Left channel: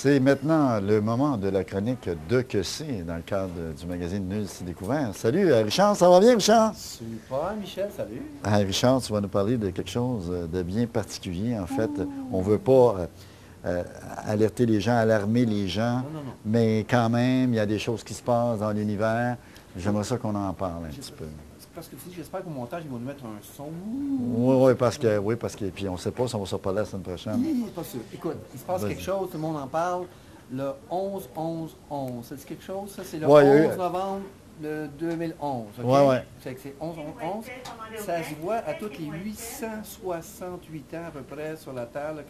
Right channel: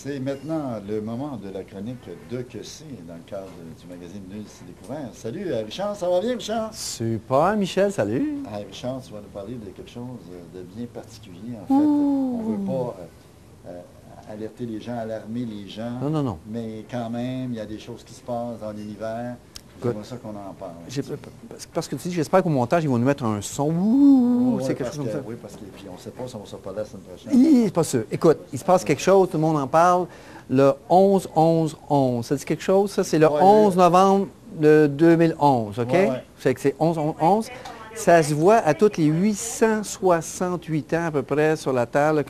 C'est maintenant le moment de la chronique de Que c'est dans le cadre du magazine Nul s'y découvert. Salut Richard, ça va bien Richard? Super Michel, salut. Richard, tu vas nous parler de quelque chose de bien particulier. En fait, on ne veut pas alerter les gens, alarmer les gens. Non, non, non. Mais quand même, il y a des choses qui se passent dans l'univers. J'aimerais ça qu'on en parle un petit peu. Parce que tu dis, j'espère qu'au montage, ils vont nous mettre un son. Oui, parce que puis on ne sait pas si on va se reparler la semaine prochaine. C'est pas sûr. Écoute, il se passe quelque chose, tout le monde en parle. Le 11-11-11. Ça dit quelque chose, ça? C'est le 11 novembre de 2011, OK? Ouais. C'est que c'est 11-11-11. Ça se voit à tous les 868 ans à peu près sur la Terre, là,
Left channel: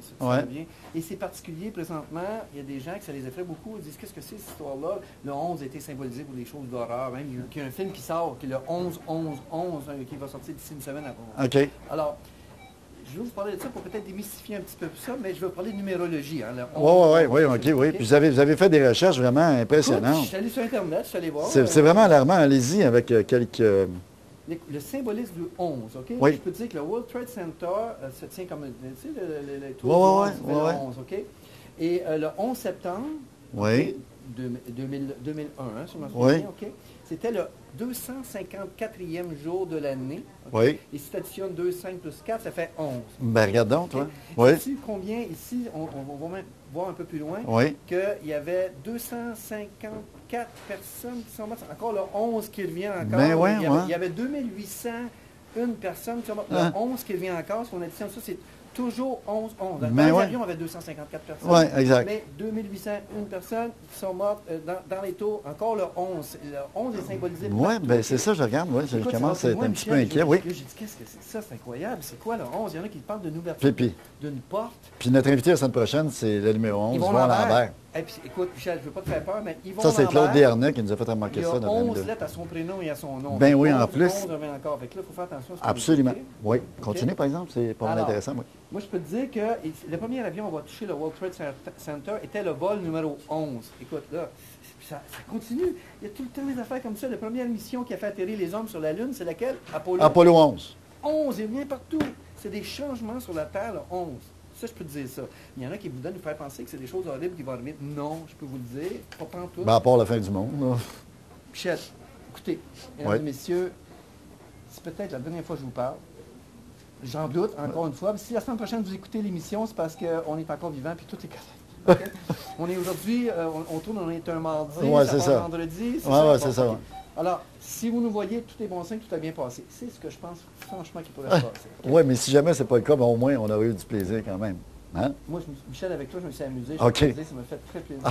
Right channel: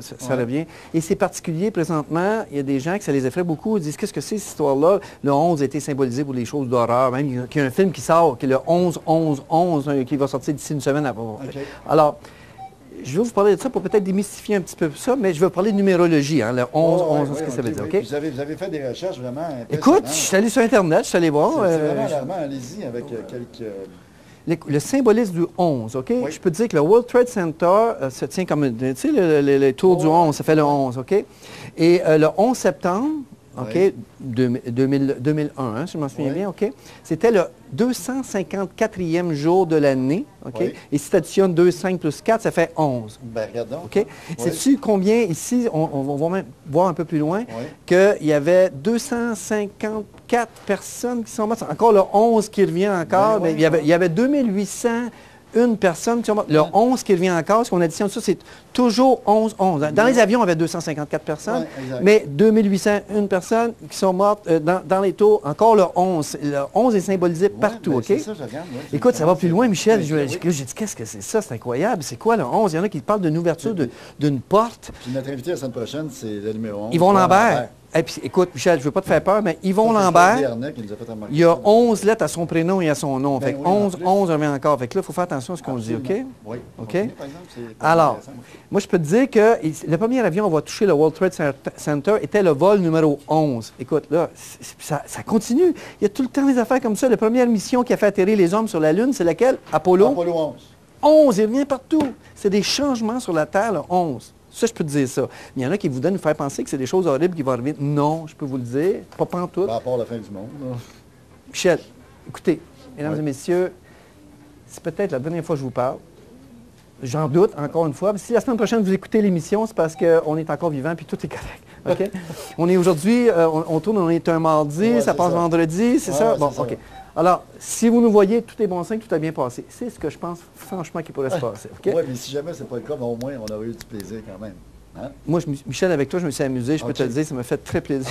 ça revient. Et c'est particulier présentement. Il y a des gens que ça les effraie beaucoup. Ils disent, qu'est-ce que c'est cette histoire-là? Le 11 a été symbolisé pour les choses d'horreur. Même il y a un film qui sort, qui est le 11-11-11, qui va sortir d'ici une semaine après. OK. Alors, je vais vous parler de ça pour peut-être démystifier un petit peu ça, mais je vais parler de numérologie, hein, le 11-11. Oui. Puis vous avez fait des recherches vraiment impressionnantes. Écoute, je suis allé sur Internet, je suis allé voir. C'est vraiment alarmant. Allez-y avec quelques... Le symbolisme du 11, OK? Oui. Je peux te dire que le World Trade Center se tient comme, tu sais, les tours du 11, ça fait le 11, OK? Et le 11 septembre, OK, 2001, hein, si je m'en souviens bien, OK? C'était le 254e jour de l'année, OK? Oui. Et si tu additionnes 2, 5 plus 4, ça fait 11. Ben, regarde donc. OK? Oui. Sais-tu combien, ici, on va même voir un peu plus loin, Oui. qu'il y avait 254 personnes qui sont mortes. Encore le 11 qui revient encore. Ben oui, il y avait 2801 personnes qui sont mortes. Le 11 qui revient encore, ce qu'on additionne ça, c'est toujours 11-11. Dans les avions, on avait 254 personnes. Oui, exact. Mais 2801 personnes qui sont mortes dans les tours. Encore le 11. Le 11 est symbolisé partout. Ben, OK? c'est ça, je regarde. Oui, Écoute, ça va plus loin, Michel. J'ai Oui. dit, qu'est-ce que c'est ça? C'est incroyable. C'est quoi le 11? Il y en a qui parlent d'une ouverture d'une porte. Puis notre invité la semaine prochaine, c'est le numéro 11. Yvon Lambert. Et puis, écoute, Michel, je ne veux pas te faire peur, mais Yvon Ça, Lambert, Desharnais qui nous a fait remarquer il y a ça dans 11 lettres à son prénom et à son nom. Ben Fait que oui, en 11, plus. 11 revient encore. Fait que là, il faut faire attention à ce qu'on dit, Absolument. OK? Oui. OK? Continue, par exemple. C'est pas Alors, intéressant. Oui. moi, je peux te dire que le premier avion, on va toucher le World Trade Center, était le vol numéro 11. Écoute, là, ça continue. Il y a tout le temps des affaires comme ça. La première mission qui a fait atterrir les hommes sur la Lune, c'est laquelle? Apollo. Apollo 11. 11, il revient partout. C'est des changements sur la Terre, le 11. Ça, je peux te dire ça. Mais il y en a qui voudraient nous faire penser que c'est des choses horribles qui vont arriver. Non, je peux vous le dire. Pas pantoute. Ben, à part la fin du monde. Michel, écoutez, mesdames et messieurs, c'est peut-être la dernière fois que je vous parle. J'en doute, encore une fois. Si la semaine prochaine, vous écoutez l'émission, c'est parce qu'on est encore vivant puis tout est correct. OK? On est aujourd'hui, on tourne, on est un mardi, ça passe vendredi, c'est ça? Bon, OK. Alors, si vous nous voyez, tout est bon signe, tout a bien passé. C'est ce que je pense, franchement, qui pourrait se passer. Okay? Oui, mais si jamais ce n'est pas le cas, ben, au moins, on aurait eu du plaisir quand même. Hein? Moi, Michel, avec toi, je me suis amusé. Je peux te le dire, ça m'a fait très plaisir.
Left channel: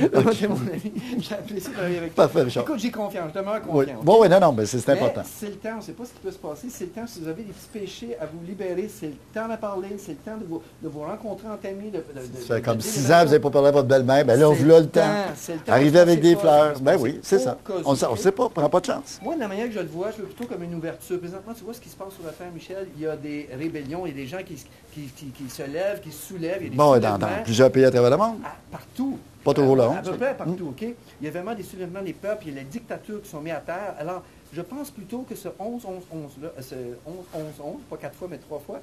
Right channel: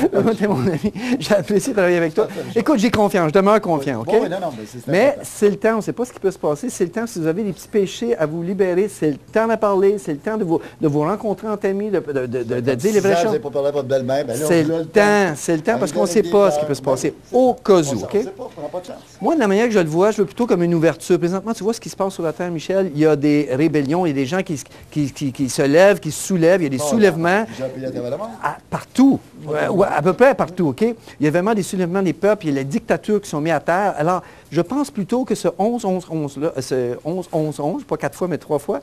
T'es mon ami. J'ai apprécié de travailler avec toi. Parfait, écoute, j'ai confiance, je demeure confiant. Oui. Bon, oui, non, mais c'est important. Mais c'est le temps, on ne sait pas ce qui peut se passer. C'est le temps, si vous avez des petits péchés à vous libérer, c'est le temps d'en parler, c'est le temps de vous rencontrer entre amis, de dire les vraies choses. Vous n'avez pas parlé à votre belle-mère, ben là, c'est le temps. C'est le temps parce qu'on ne sait pas ce qui peut se passer. Au cas où. On ne sait pas, on prend pas de chance. Moi, de la manière que je le vois, je veux plutôt comme une ouverture. Présentement, tu vois ce qui se passe sur la Terre, Michel. Il y a des rébellions, il y a des gens qui se lèvent, qui se soulèvent, il y a des soulèvements. Plusieurs pays à travers le monde? Partout. À peu près partout, OK? Il y a vraiment des soulèvements des peuples, il y a les dictatures qui sont mises à terre. Alors, je pense plutôt que ce 11-11-11-là, ce 11-11-11, pas 4 fois, mais 3 fois,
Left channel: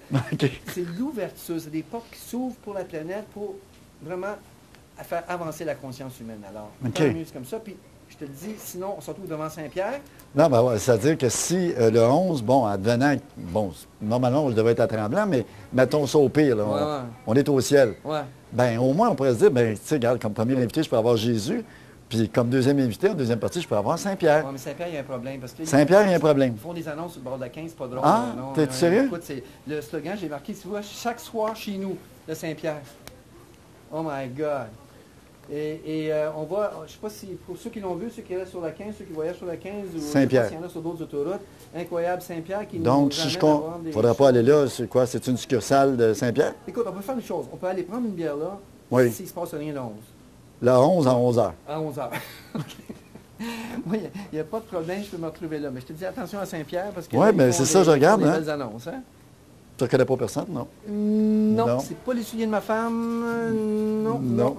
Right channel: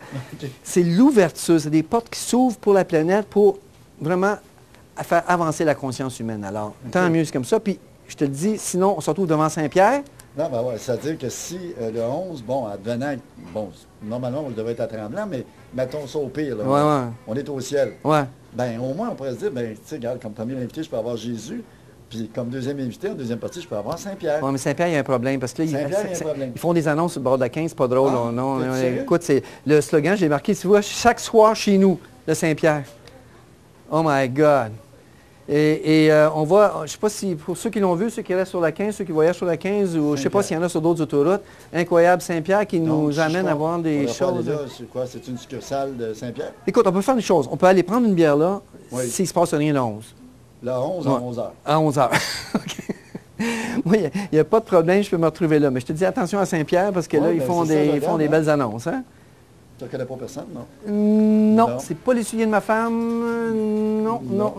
c'est l'ouverture, c'est des portes qui s'ouvrent pour la planète pour vraiment faire avancer la conscience humaine. Alors, tant mieux, c'est comme ça. Puis, je te le dis, sinon, on se retrouve devant Saint-Pierre. Non, ben ouais, c'est-à-dire que si le 11, bon, advenant, bon, normalement, on devrait être à Tremblant, mais mettons ça au pire, là, on est au ciel. Ouais. Bien, au moins, on pourrait se dire, bien, tu sais, regarde, comme premier invité, je peux avoir Jésus, puis comme deuxième invité, en deuxième partie, je peux avoir Saint-Pierre. Oui, mais Saint-Pierre, il y a un problème. Parce que Saint-Pierre, il y a un problème. Ils font des annonces sur le bord de la 15, c'est pas drôle. Ah, non, t'es sérieux? Écoute, c'est le slogan, j'ai marqué, tu vois, chaque soir chez nous, le Saint-Pierre. Oh my God! Et on voit, je ne sais pas si, pour ceux qui l'ont vu, ceux qui restent sur la 15, ceux qui voyagent sur la 15, ou je ne sais pas s'il y en a sur d'autres autoroutes, incroyable Saint-Pierre qui nous amène à voir des choses. On ne pas aller là, c'est quoi? C'est une succursale de Saint-Pierre? Écoute, on peut faire une chose. On peut aller prendre une bière là, s'il ne se passe rien le 11. Le 11 à 11 h. À 11 h. OK. Oui, il n'y a pas de problème, je peux me retrouver là. Mais je te dis attention à Saint-Pierre parce que là, ils font des belles annonces. Hein? Tu ne reconnais pas personne, non? Non, c'est pas les souliers de ma femme. Non.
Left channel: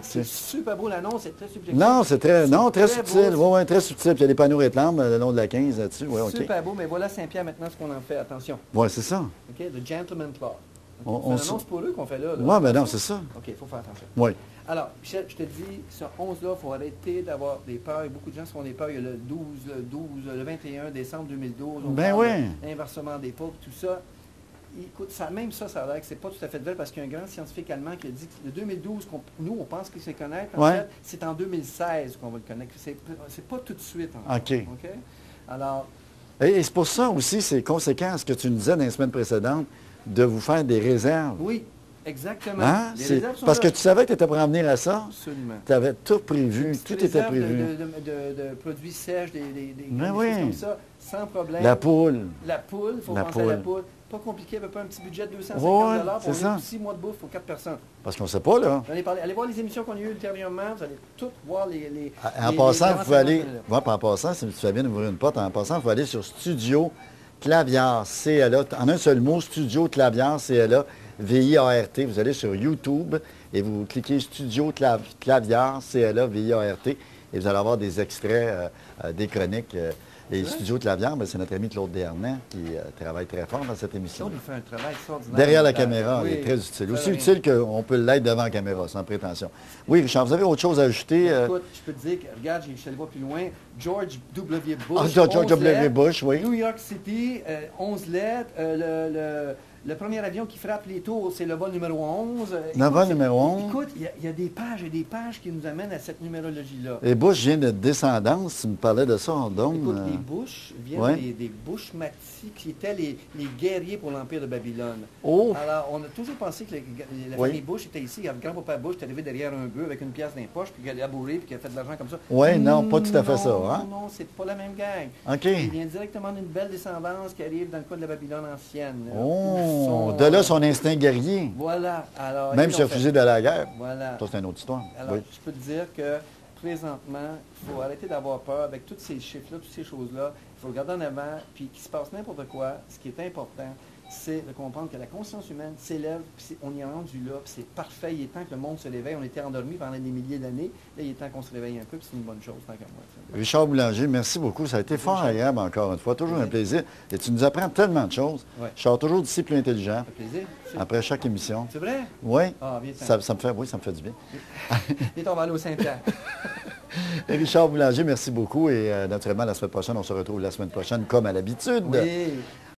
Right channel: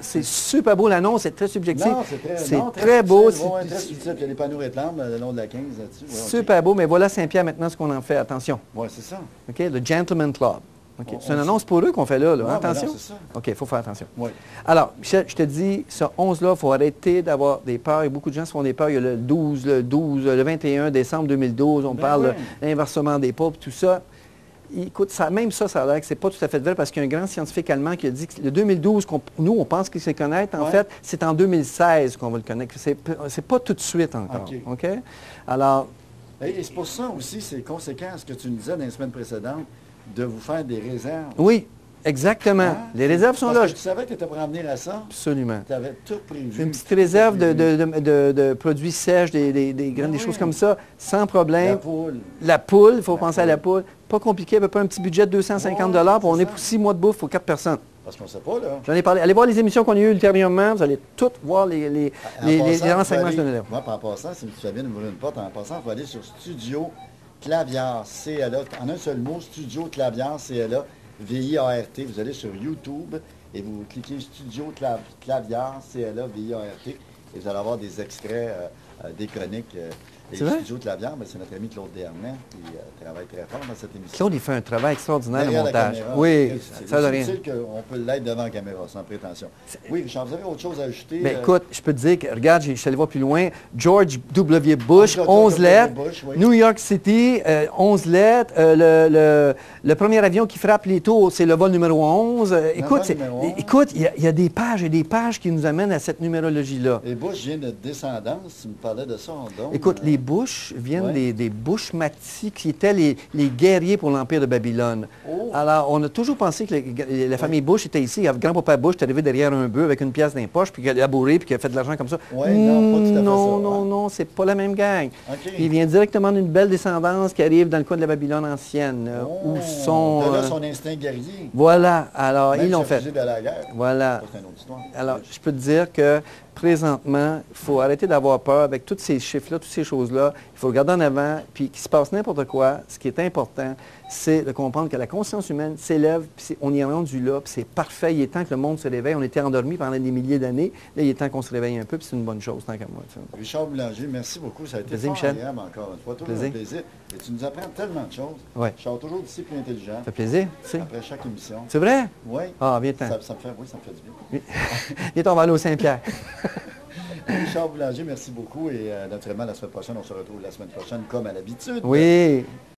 C'est super beau l'annonce, c'est très subjectif. Non, c'est très beau. Oui, très subtil. Puis il y a des panneaux réclames le long de la 15 là-dessus. Super beau, mais voilà Saint-Pierre maintenant ce qu'on en fait. Attention. Oui, c'est ça. OK, le Gentleman Club. Okay. C'est une annonce pour eux qu'on fait là. Oui, mais non, c'est ça. OK, il faut faire attention. Oui. Alors, Michel, je te dis, ce 11-là, il faut arrêter d'avoir des peurs. Beaucoup de gens se font des peurs. Il y a le 21 décembre 2012, on parle de l'inversement des pauvres, tout ça. Écoute, même ça a l'air que c'est pas tout à fait vrai parce qu'il y a un grand scientifique allemand qui a dit que le 2012, nous, on pense qu'il sait connaître. En fait, c'est en 2016 qu'on va le connaître. C'est pas tout de suite encore. OK? Alors... Et c'est pour ça aussi, c'est conséquent à ce que tu nous disais dans les semaines précédentes, de vous faire des réserves. Oui, exactement. Hein? Les réserves sont là. Parce que tu savais que tu étais pour en venir à ça. Absolument. Tu avais tout prévu. Une petite réserve de produits sèches, des choses comme ça, sans problème. La poule. La poule, il faut penser à la poule. Pas compliqué, à peu près un petit budget de 250 $, puis on est pour 6 mois de bouffe pour 4 personnes. Parce qu'on ne sait pas, là. J'en ai parlé. Allez voir les émissions qu'on a eues ultérieurement, vous allez toutes voir les renseignements. En passant, si tu fais bien d'ouvrir une porte, en passant, il faut aller sur Studio Claviar, CLA. En un seul mot, Studio Claviar, CLA, VIART. Vous allez sur YouTube et vous cliquez Studio Claviar, CLA, VIART, et vous allez avoir des extraits des chroniques. Et Studio Claviar, c'est notre ami Claude Desharnais qui travaille très fort dans cette émission. Claude, il fait un travail extraordinaire. Derrière la caméra, oui, très utile. Aussi utile qu'on peut l'être devant la caméra, sans prétention. Oui, Richard, vous avez autre chose à ajouter? Mais écoute, je peux te dire que, regarde, je suis allé voir plus loin. George W. Bush, 11 lettres. New York City, 11 lettres. Le premier avion qui frappe les tours, c'est le vol numéro 11. Écoute, il y a des pages et des pages qui nous amènent à cette numérologie-là. Et Bush vient de descendance, tu me parlais de ça, donc. Écoute, les Bush viennent des Bushmati, qui étaient les guerriers pour l'Empire de Babylone. Oh. Alors, on a toujours pensé que la famille Bush était ici. Grand-papa Bush est arrivé derrière un bœuf avec une pièce dans les poches, puis qu'il a labouré, puis qu'il a fait de l'argent comme ça. Oui, non, pas tout à fait ça. Non, c'est pas la même gang. Okay. Il vient directement d'une belle descendance qui arrive dans le coin de la Babylone ancienne. De là, son instinct guerrier. Voilà. Alors, même se fusil de la guerre. Voilà. Ça, c'est une autre histoire. Alors, je peux te dire que présentement, il faut arrêter d'avoir peur avec tous ces chiffres-là, toutes ces choses-là. Il faut regarder en avant, puis qu'il se passe n'importe quoi. Ce qui est important, c'est de comprendre que la conscience humaine s'élève, puis on y est rendu là, puis c'est parfait. Il est temps que le monde se réveille. On était endormis pendant des milliers d'années. Là, il est temps qu'on se réveille un peu, puis c'est une bonne chose, tant qu'à moi. Richard Boulanger, merci beaucoup. Ça a été fort agréable encore une fois. Toujours un plaisir. Et tu nous apprends tellement de choses. Ouais. Je sors toujours d'ici plus intelligent. Ça fait plaisir. Après chaque émission. C'est vrai? Oui. Ah, bien ça me fait du bien. Et on va aller au Saint-Pierre. Richard Boulanger, merci beaucoup. Et naturellement, la semaine prochaine, on se retrouve la semaine prochaine comme à l'habitude. Oui.